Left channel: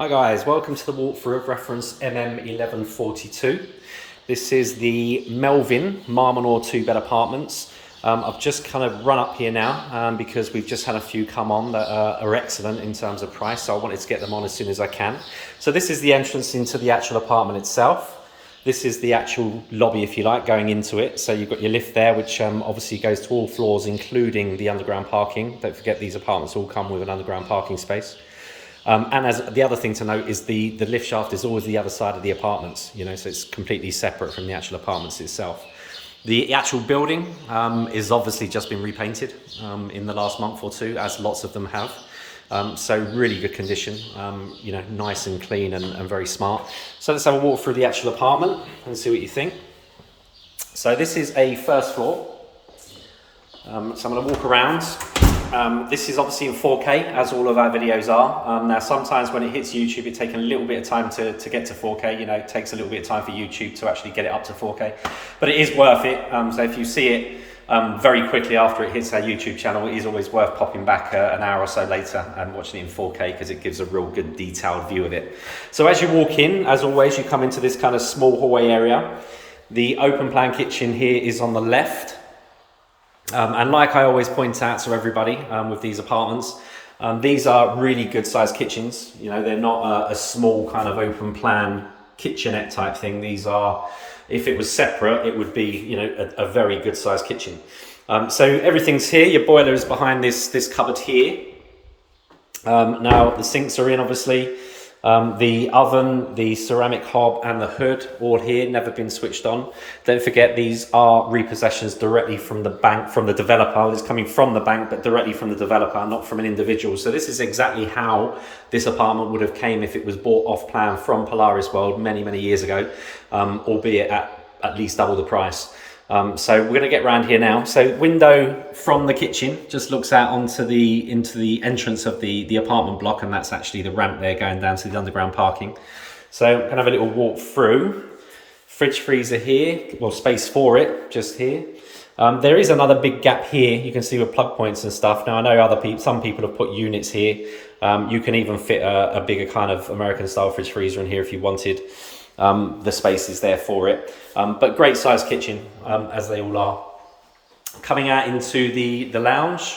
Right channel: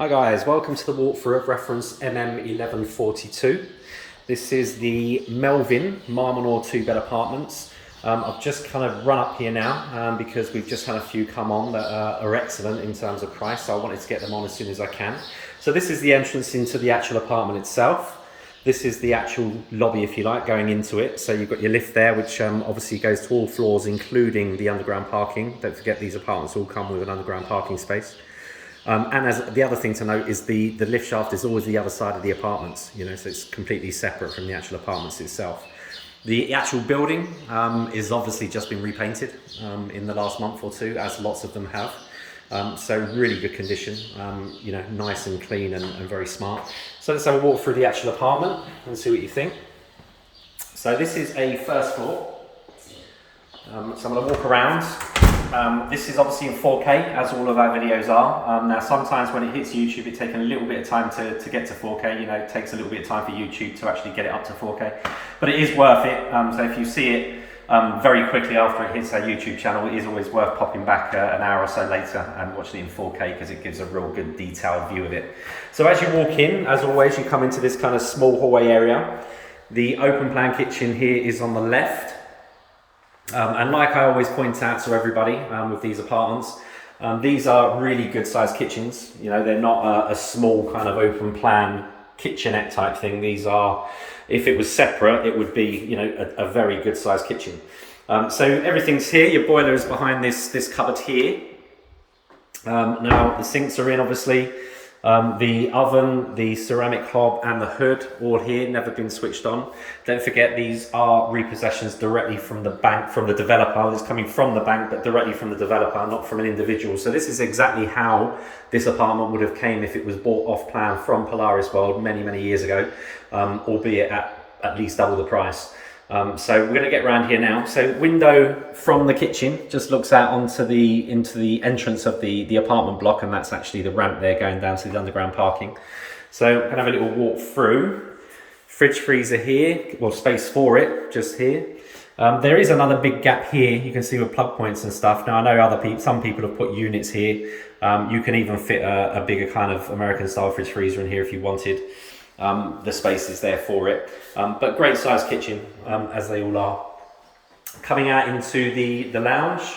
Hi guys, welcome to the walkthrough of reference MM1142. This is the Melvin Menor 2-bed apartments. I've just kind of run up here now because we've just had a few come on that are excellent in terms of price, so I wanted to get them on as soon as I can. So this is the entrance into the actual apartment itself. This is the actual lobby, if you like, going into it. So you've got your lift there, which obviously goes to all floors, including the underground parking. Don't forget these apartments all come with an underground parking space. And as the other thing to note is the lift shaft is always the other side of the apartments, you know, so it's completely separate from the actual apartments itself. The actual building is obviously just been repainted in the last month or two, as lots of them have. So really good condition, you know, nice and clean and very smart. So let's have a walk through the actual apartment and see what you think. So this is a first floor. So I'm going to walk around. This is obviously in 4K, as all of our videos are. Now, sometimes when it hits YouTube, it takes a little bit of time to get to 4K. You know, it takes a little bit of time for YouTube to actually get it up to 4K. But it is worth it. So if you see it very quickly after it hits our YouTube channel, it is always worth popping back an hour or so later and watching it in 4K because it gives a real good detailed view of it. So as you walk in, as always, you come into this kind of small hallway area. The open plan kitchen here is on the left. And like I always point out to everybody with these apartments, these are really good sized kitchens. You know, they're not a small kind of open plan kitchenette type thing. These are, if it was separate, it would be, you know, a very good sized kitchen. So everything's here. Your boiler is behind this cupboard here. Now the sinks are in, obviously. The oven, the ceramic hob and the hood all here, never been switched on. Don't forget, these are repossessions directly from the bank, from the developer. It's coming from the bank, but directly from the developer, not from an individual. So this is exactly how this apartment would have came if it was bought off plan from Polaris World many years ago, albeit at least double the price. So we're going to get around here now. So window from the kitchen just looks out into the entrance of the apartment block, and that's actually the ramp there going down to the underground parking. So we're going to have a little walk through. Fridge freezer here, well, space for it just here. There is another big gap here. You can see with plug points and stuff. Now I know some people have put units here. You can even fit a bigger kind of American style fridge freezer in here if you wanted. The space is there for it, but great sized kitchen, as they all are. Coming out into the lounge.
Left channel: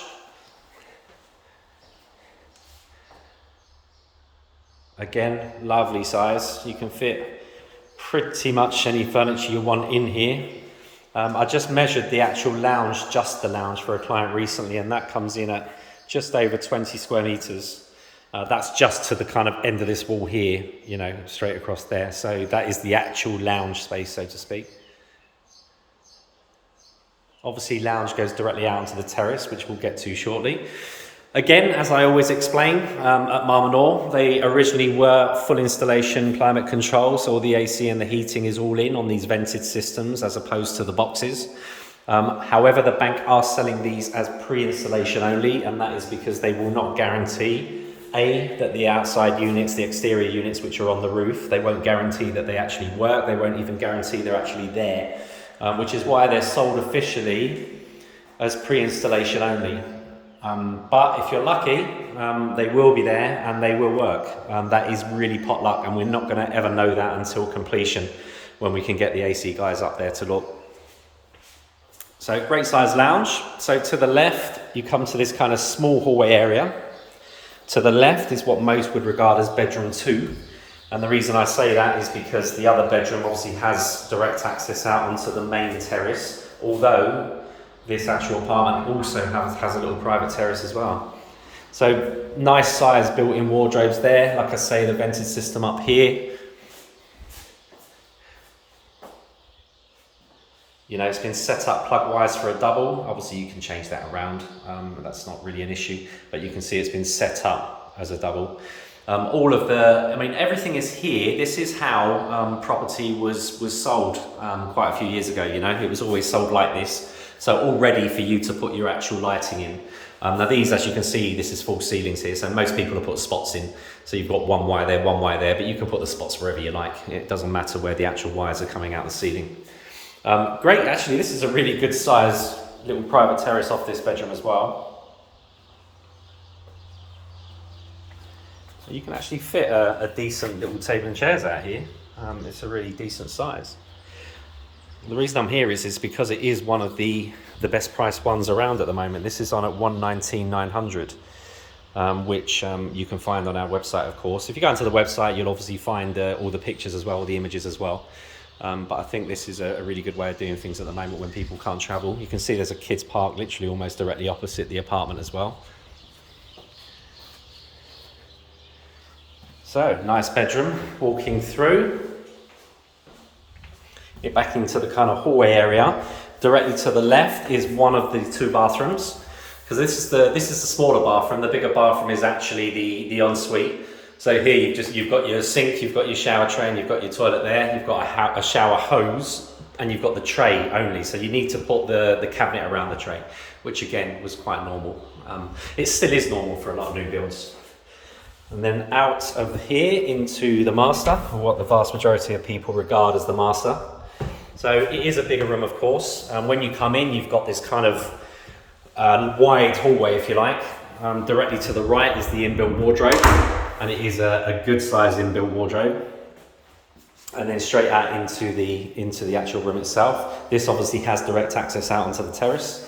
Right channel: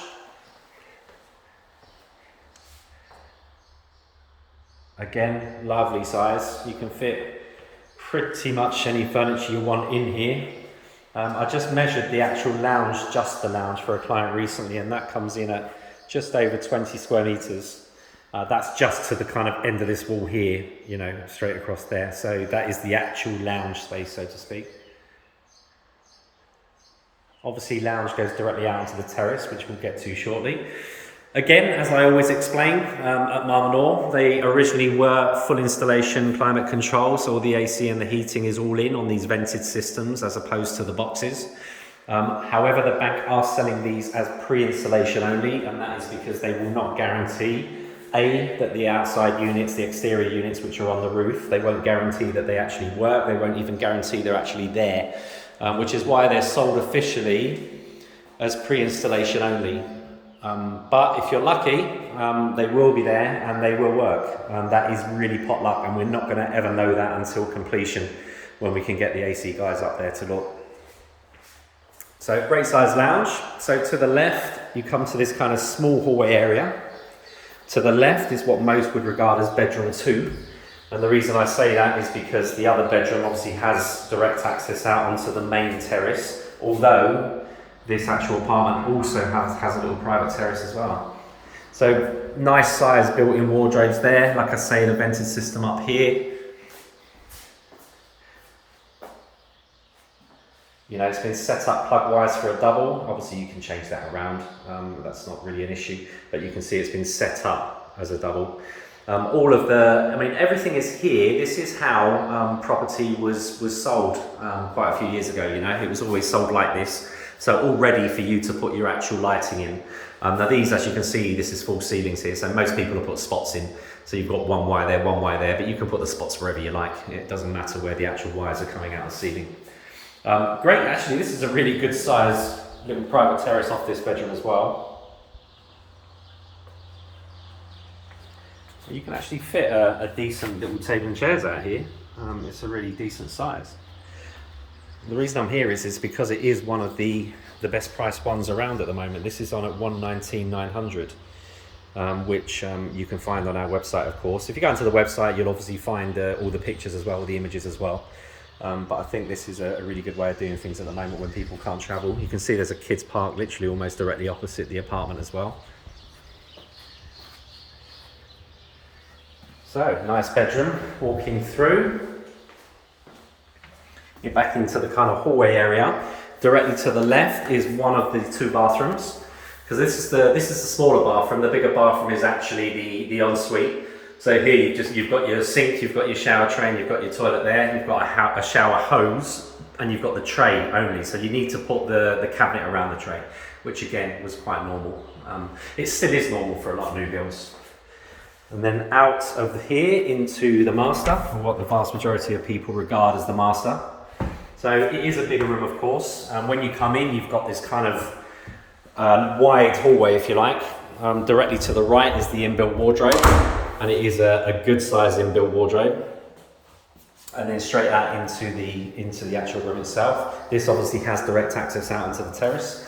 Again, lovely size. You can fit pretty much any furniture you want in here. I just measured the actual lounge, just the lounge, for a client recently, and that comes in at just over 20 square meters. That's just to the kind of end of this wall here, you know, straight across there. So that is the actual lounge space, so to speak. Obviously, lounge goes directly out onto the terrace, which we'll get to shortly. Again, as I always explain, at Menor, they originally were full installation climate control, so all the AC and the heating is all in on these vented systems as opposed to the boxes. However, the bank are selling these as pre-installation only, and that is because they will not guarantee that the outside units, the exterior units which are on the roof, they won't guarantee that they actually work. They won't even guarantee they're actually there, which is why they're sold officially as pre-installation only. But if you're lucky, they will be there and they will work. That is really pot luck, and we're not going to ever know that until completion, when we can get the AC guys up there to look. So great size lounge. So to the left, you come to this kind of small hallway area. To the left is what most would regard as bedroom 2. And the reason I say that is because the other bedroom obviously has direct access out onto the main terrace, although this actual apartment also has a little private terrace as well. So nice size built-in wardrobes there. Like I say, the vented system up here. You know, it's been set up plug-wise for a double. Obviously, you can change that around. That's not really an issue, but you can see it's been set up as a double. Everything is here. This is how property was sold quite a few years ago. You know, it was always sold like this. So all ready for you to put your actual lighting in. Now these, as you can see, this is full ceilings here. So most people have put spots in. So you've got one wire there, but you can put the spots wherever you like. It doesn't matter where the actual wires are coming out of the ceiling. Great, actually, this is a really good size little private terrace off this bedroom as well. You can actually fit a decent little table and chairs out here. It's a really decent size. The reason I'm here is because it is one of the best priced ones around at the moment. This is on at 119,900, which you can find on our website, of course. If you go into the website, you'll obviously find all the pictures as well, all the images as well. But I think this is a really good way of doing things at the moment when people can't travel. You can see there's a kids park literally almost directly opposite the apartment as well. So, nice bedroom. Walking through. You're back into the kind of hallway area. Directly to the left is one of the 2 bathrooms, because this is the smaller bathroom. The bigger bathroom is actually the ensuite. So here you've got your sink, you've got your shower tray, and you've got your toilet there. You've got a shower hose, and you've got the tray only. So you need to put the cabinet around the tray, which again was quite normal. It still is normal for a lot of new builds. And then out over here into the master, or what the vast majority of people regard as the master. So it is a bigger room, of course. When you come in, you've got this kind of wide hallway, if you like. Directly to the right is the inbuilt wardrobe, and it is a good size inbuilt wardrobe. And then straight out into the actual room itself. This obviously has direct access out onto the terrace.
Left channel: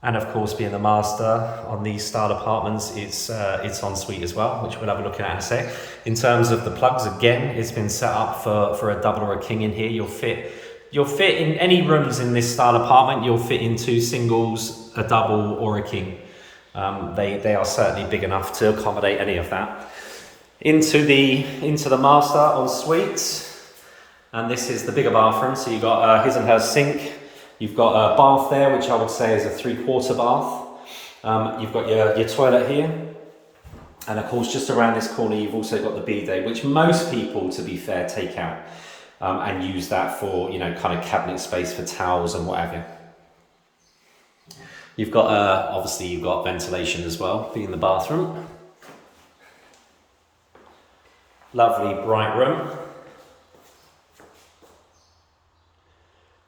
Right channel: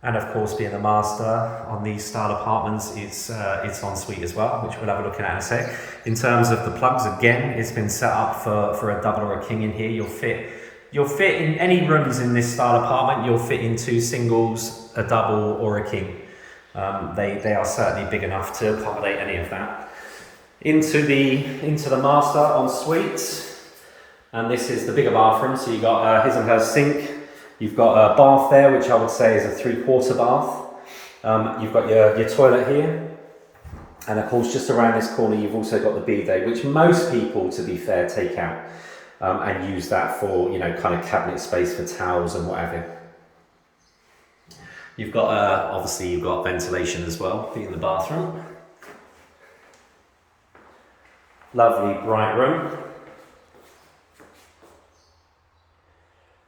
And of course, being the master on these style apartments, it's en suite as well, which we'll have a look at in a sec. In terms of the plugs, again, it's been set up for a double or a king in here. You'll fit in any rooms in this style apartment. You'll fit in 2 singles, a double, or a king. They are certainly big enough to accommodate any of that. Into the master en suite, and this is the bigger bathroom. So you've got his and her sink. You've got a bath there, which I would say is a 3/4 bath. You've got your toilet here. And of course, just around this corner, you've also got the bidet, which most people, to be fair, take out and use that for, kind of cabinet space for towels and whatever. You've got, obviously, you've got ventilation as well, being the bathroom. Lovely, bright room.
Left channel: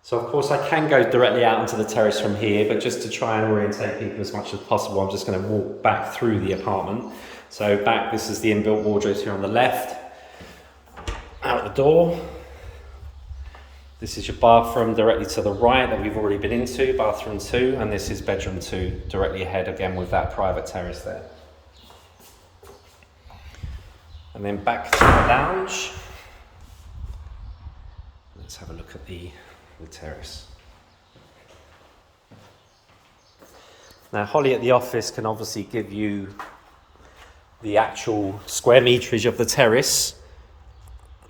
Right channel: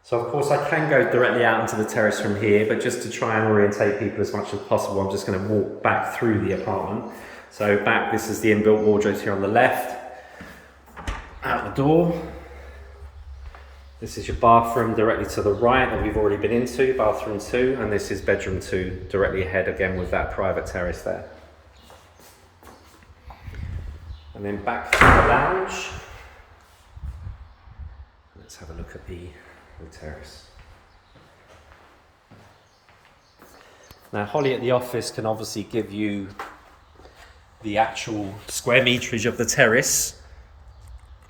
So of course I can go directly out onto the terrace from here, but just to try and orientate people as much as possible, I'm just going to walk back through the apartment. So back, this is the inbuilt wardrobes here on the left. Out the door. This is your bathroom directly to the right that we've already been into, bathroom 2, and this is bedroom 2 directly ahead again with that private terrace there. And then back to the lounge. Let's have a look at the terrace. Now, Holly at the office can obviously give you the actual square meterage of the terrace.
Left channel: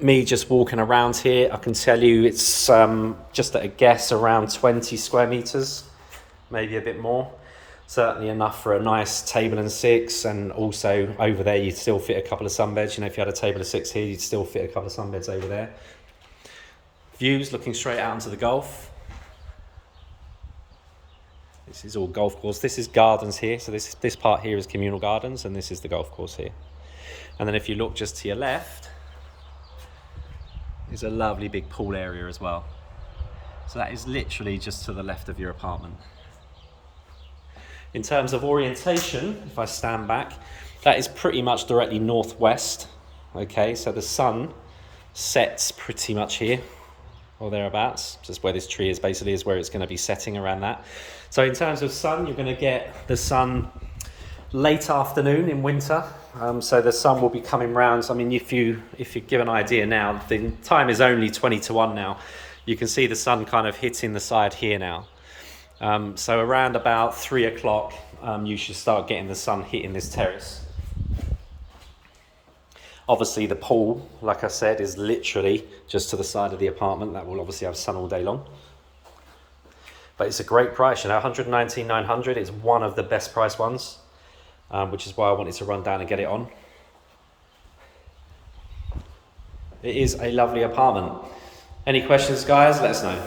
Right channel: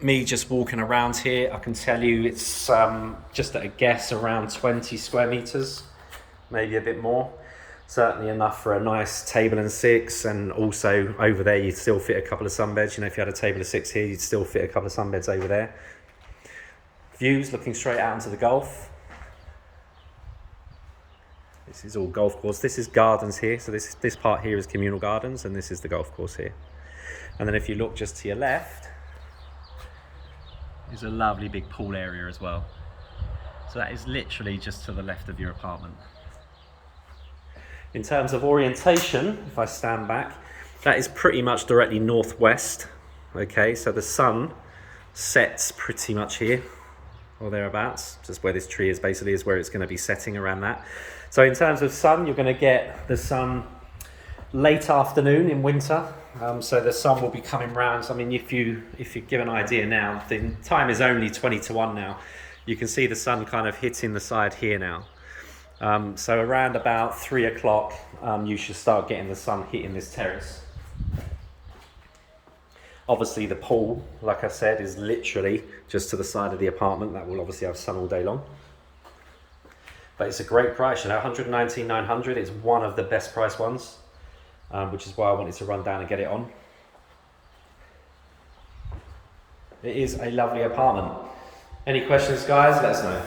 Me just walking around here, I can tell you it's just at a guess around 20 square meters, maybe a bit more. Certainly enough for a nice table and 6, and also over there you'd still fit a couple of sunbeds. If you had a table of 6 here, you'd still fit a couple of sunbeds over there. Views looking straight out into the Gulf. This is all golf course. This is gardens here. So this part here is communal gardens, and this is the golf course here. And then if you look just to your left, is a lovely big pool area as well. So that is literally just to the left of your apartment. In terms of orientation, if I stand back, that is pretty much directly northwest. Okay, so the sun sets pretty much here, or thereabouts. Just where this tree is basically is where it's going to be setting, around that. So in terms of sun, you're going to get the sun late afternoon in winter. So the sun will be coming round. I mean, if you give an idea now, the time is only 20 to 1 now. You can see the sun kind of hitting the side here now. So around about 3 o'clock, you should start getting the sun hitting this terrace. Obviously the pool, like I said, is literally just to the side of the apartment. That will obviously have sun all day long. But it's a great price, 119,900 is one of the best priced ones, which is why I wanted to run down and get it on. It is a lovely apartment. Any questions, guys? Let us know.